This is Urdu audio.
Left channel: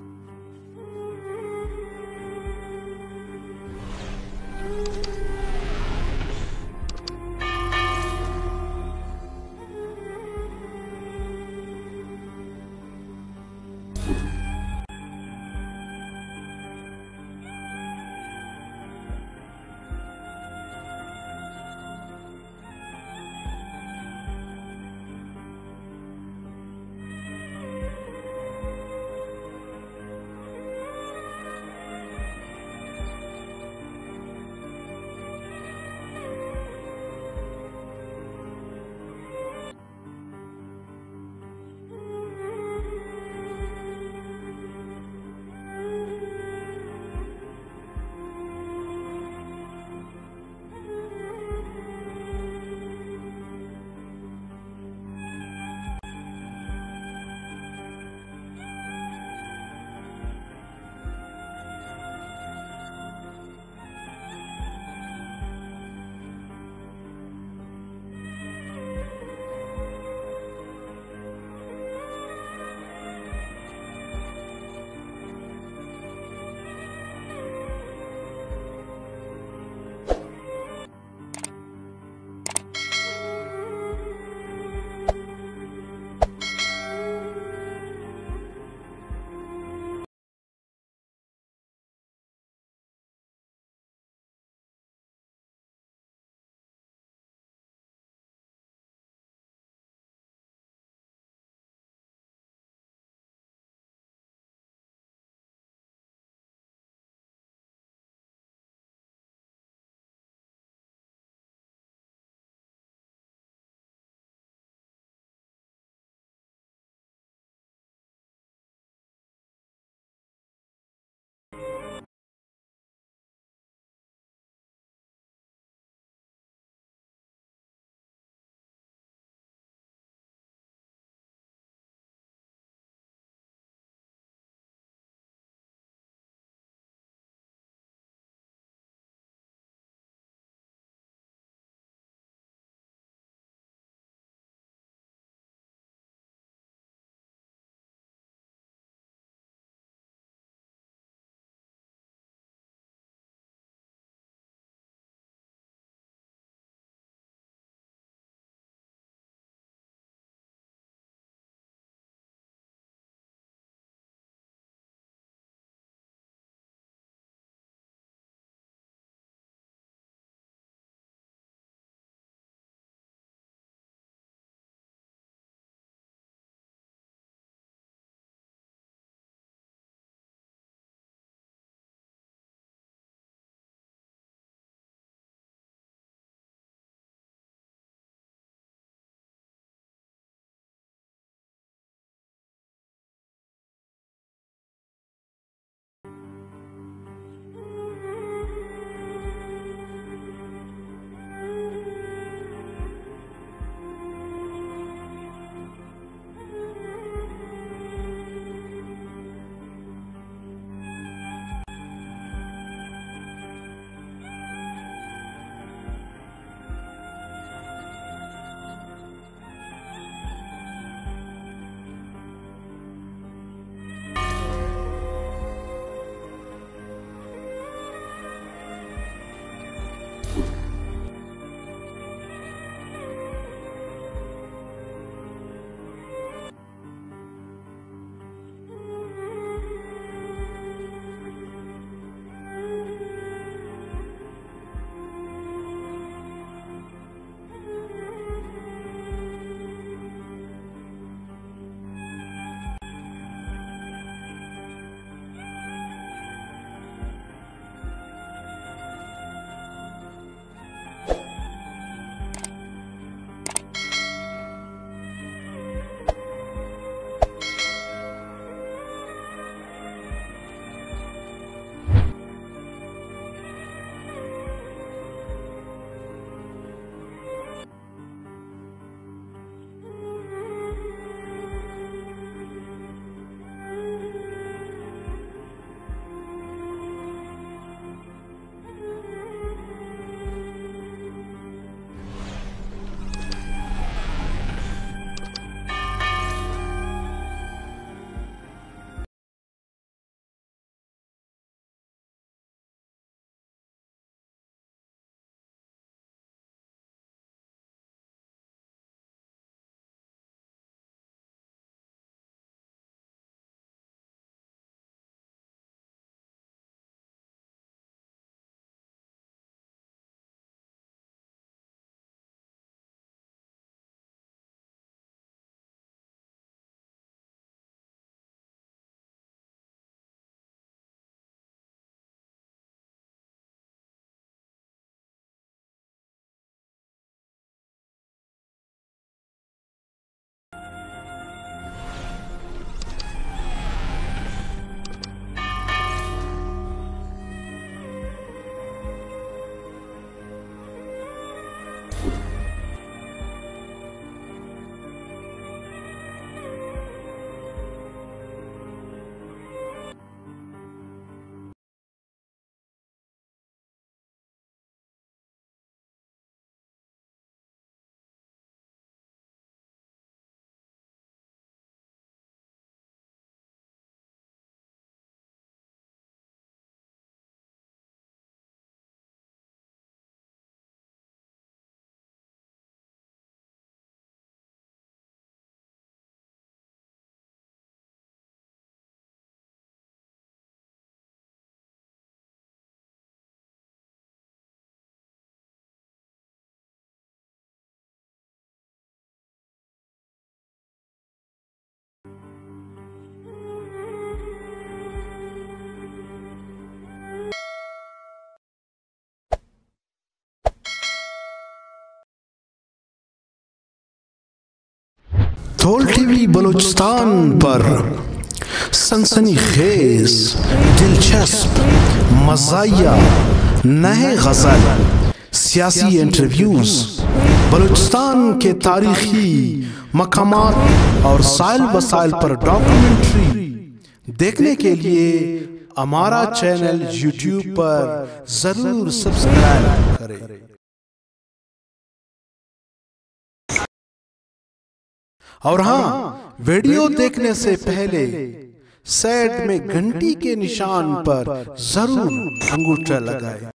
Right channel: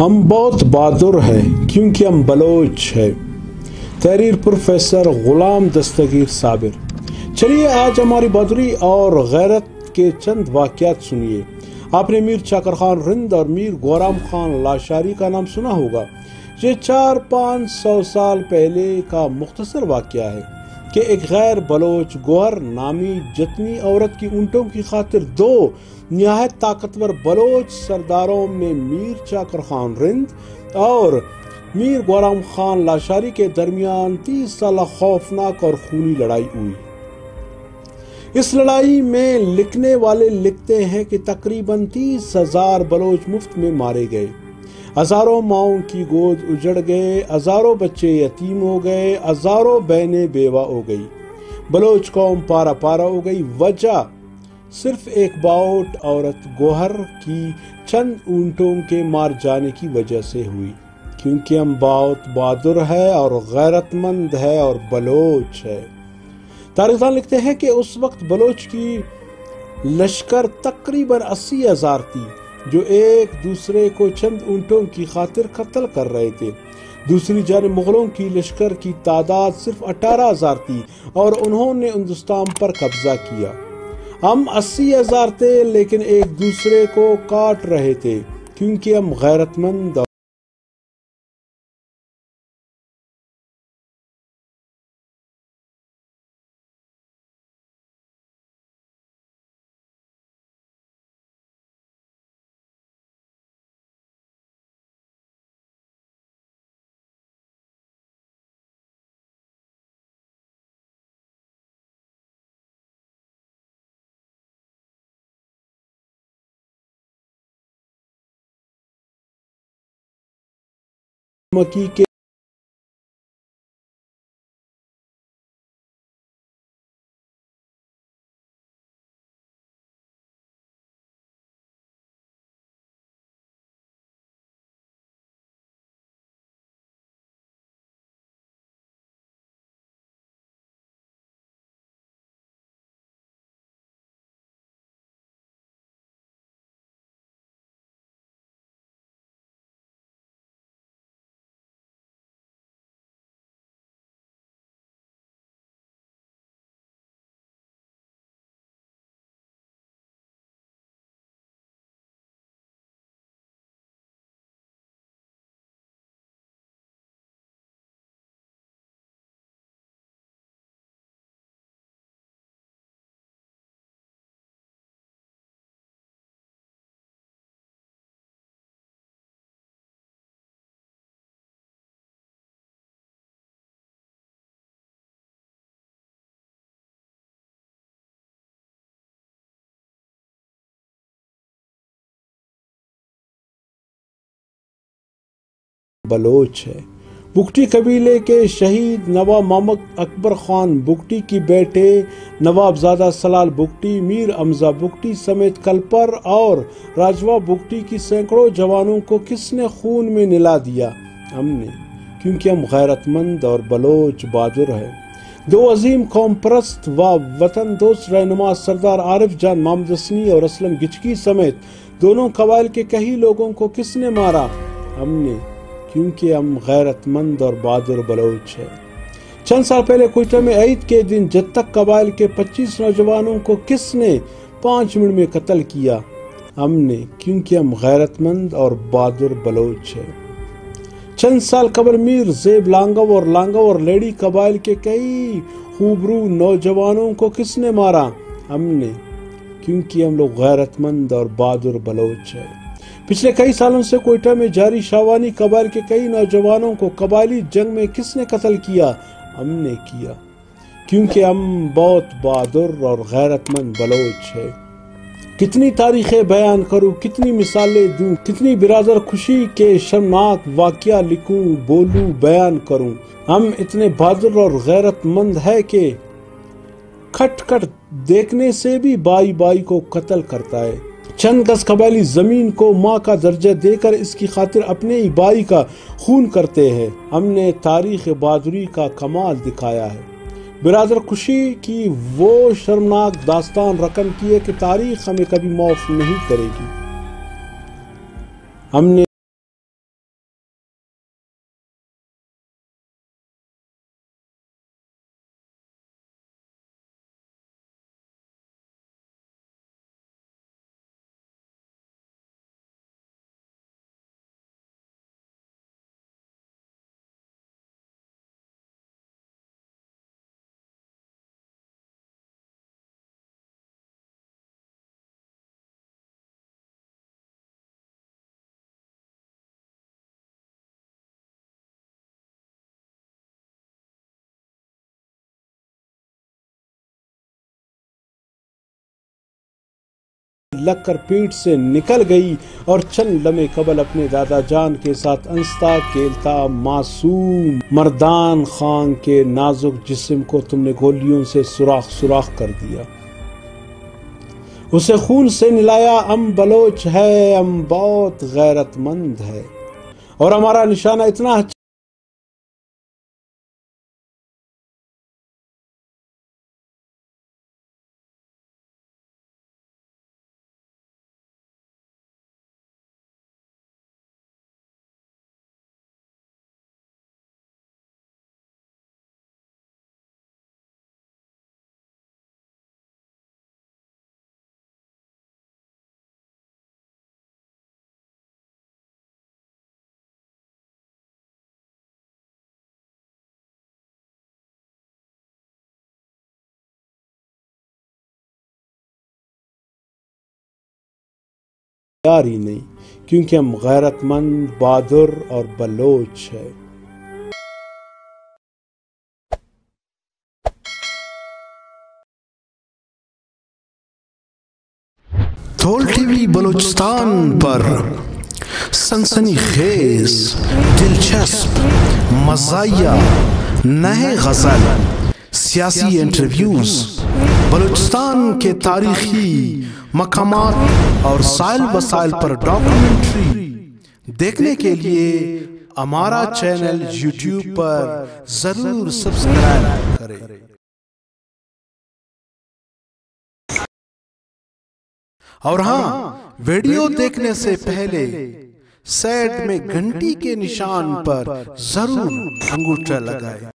ہم بہت بہادر ہیں کیونکہ ہم بلوچ ہیں۔ تحریر پروفیسر غلام دستگیر صابر۔ چلیے آج ہماری بہادری اور غیرت کے چند واقعات سنیے۔ آپ نے میر چاکر خان رند اور میر گورام خان لاشاری کا نام سنا ہوگا۔ یہ 400-500 سال پہلے کا مختصر واقعہ ہے کہ ایک غیر بلوچ گوہر نامی جتنی عورت کی اونٹوں کی خاطر دو نہایت طاقتور بلوچ سرداروں میں میر چاکر خان رند اور میر گورام خان لاشاری کے درمیان 30 سالہ خوفناک اور خونی لڑائی ہوئی۔ اس لڑائی میں لکھنے والے لکھتے ہیں کہ تقریباً 30,000 بلوچ مفت میں مارے گئے، ہزاروں ماؤں کی گود اجڑ گئے، ہزاروں بچے یتیم ہو گئے، ہزاروں بہنیں بیوہ ہو گئی، بلوچ قوم پارا پارا ہو گئی۔ وجہ صرف ایک باؤٹ عورت گوہر کی چند اونٹوں کے مار جانے کی وجہ سے ہوئی، کیونکہ ہم بہت بہادر ہے اور غیرت مند ہے اور بلوچ ہے۔ تاریخ دان لکھتے ہیں کہ اس وقت بلوچ کی لشکر تقریباً 80,000 تھی، جو ایک دوسرے کو چند اونٹوں کی خاطر قتل کر رہے تھے۔ دوسری جانب مغلوں کی لشکر کی تعداد صرف 18,000 تھی اور انہوں نے ہندوستان پر قبضہ کیا۔ ہم 80,000 تھے لیکن ایک دوسرے کو کاٹ رہے تھے کیونکہ ہم غیرت مند مکی کے بلوچ ہے۔ بگٹی قبیلے کے شہید نواب محمد اکبر خان بگٹی کی بیٹے نواب زادہ سلال بگٹی، میر حمزہ بگٹی سمیت کلپر اور راجوا بگٹی کی سینکڑوں جوانوں کو کس نے خون میں نلا دیا؟ ہم نے، کیونکہ ہم غیرت مند اور بلوچ بہادر ہیں۔ دو عظیم قوم پرست و وطن دوست رہنما سردار عارف جان محمد حسنی اور اسلم گچکی سمیت دونوں قبائل کے کئی لوگوں کو کس نے مارا؟ ہم نے، کیونکہ ہم غیرت مند اور بہادر بلوچ ہیں۔ چند سال پہلے کوئٹہ میں عید کے دن جتک قبائل کے 25 نوجوانوں کو کس نے 5 منٹ میں قتل کیا؟ ہم نے، کیونکہ ہم غیرت مند اور بہادر بلوچ ہیں۔ چند سال قبل میر زیب لانگو اور لانگو اور لیڈی قبائل کے کئی خوبرو نوجوانوں کو کس نے مارا؟ ہم نے، کیونکہ ہم لوگ غیرت مند اور بہادر بلوچ ہیں۔ پچھلے کئی سالوں سے کوئٹہ میں جاری شاوانی قبائل کے کئی نوجوانوں کو قبائلی جنگ میں کس نے قتل کیا؟ ہم نے کیا، کیونکہ ہم بہت بہادر اور غیرت مند بلوچ ہیں۔ کتنی تاریخیں بیان کروں، کتنی مثالیں دوں، کتنی برادر خوشی کے شرمناک واقعہ لکھوں، بولوں، بیان کروں۔ ہم اتنے بہادر اور غیرت مند ہیں کہ کھٹ کھٹ دیکھنے سے بھی بائی بائی کو قتل کرتا ہے۔ چند گز قبائلی زمین کو ماں کا درجہ دے کر اس کی خاطر اپنے ہی بھائی کا خون کرتے ہیں۔ ہم نے تاریخ بہادری کا کمال دکھایا ہے۔ برادر خوشی کی وہ شرمناک داستان رقم کی ہے کہ تاریخ ہمیں کبھی معاف نہیں کرے گی۔ ہم نے لگ کر پیٹ سے نکل گئی اور چند لمحے قبل اپنے دادا جان کے ساتھ انستا کھیلتا معصوم مردان خان کے نازک جسم کو تم نے گولیوں سے سوراخ کر دیا، اسے خون سے نلایا۔ ہم بلوچ ہے، ہم بہت غیرت مند ہے اور ہمارا نشانہ اتنا اچھا تیار ہی نہیں، کیونکہ ہم غیرت مند، بہادر اور بلوچ ہیں۔ تھول ٹی وی بلوچستان پر سنسنی خیز، دلچسپ، مزاحیہ، نئے غزل، سیاسی انٹرویوز، بلوچستان کے تاریخی مقامات اور سائل وسائل پر ڈاکومنٹری دیکھنے کے لیے ہمارا چینل یوٹیوب پر ضرور سبسکرائب کریں۔ اور ہاں، ویڈیو دیکھنے سے پہلے سائڈ میں گھنٹی کے نشان پر ضرور انگوٹھا لگائیں۔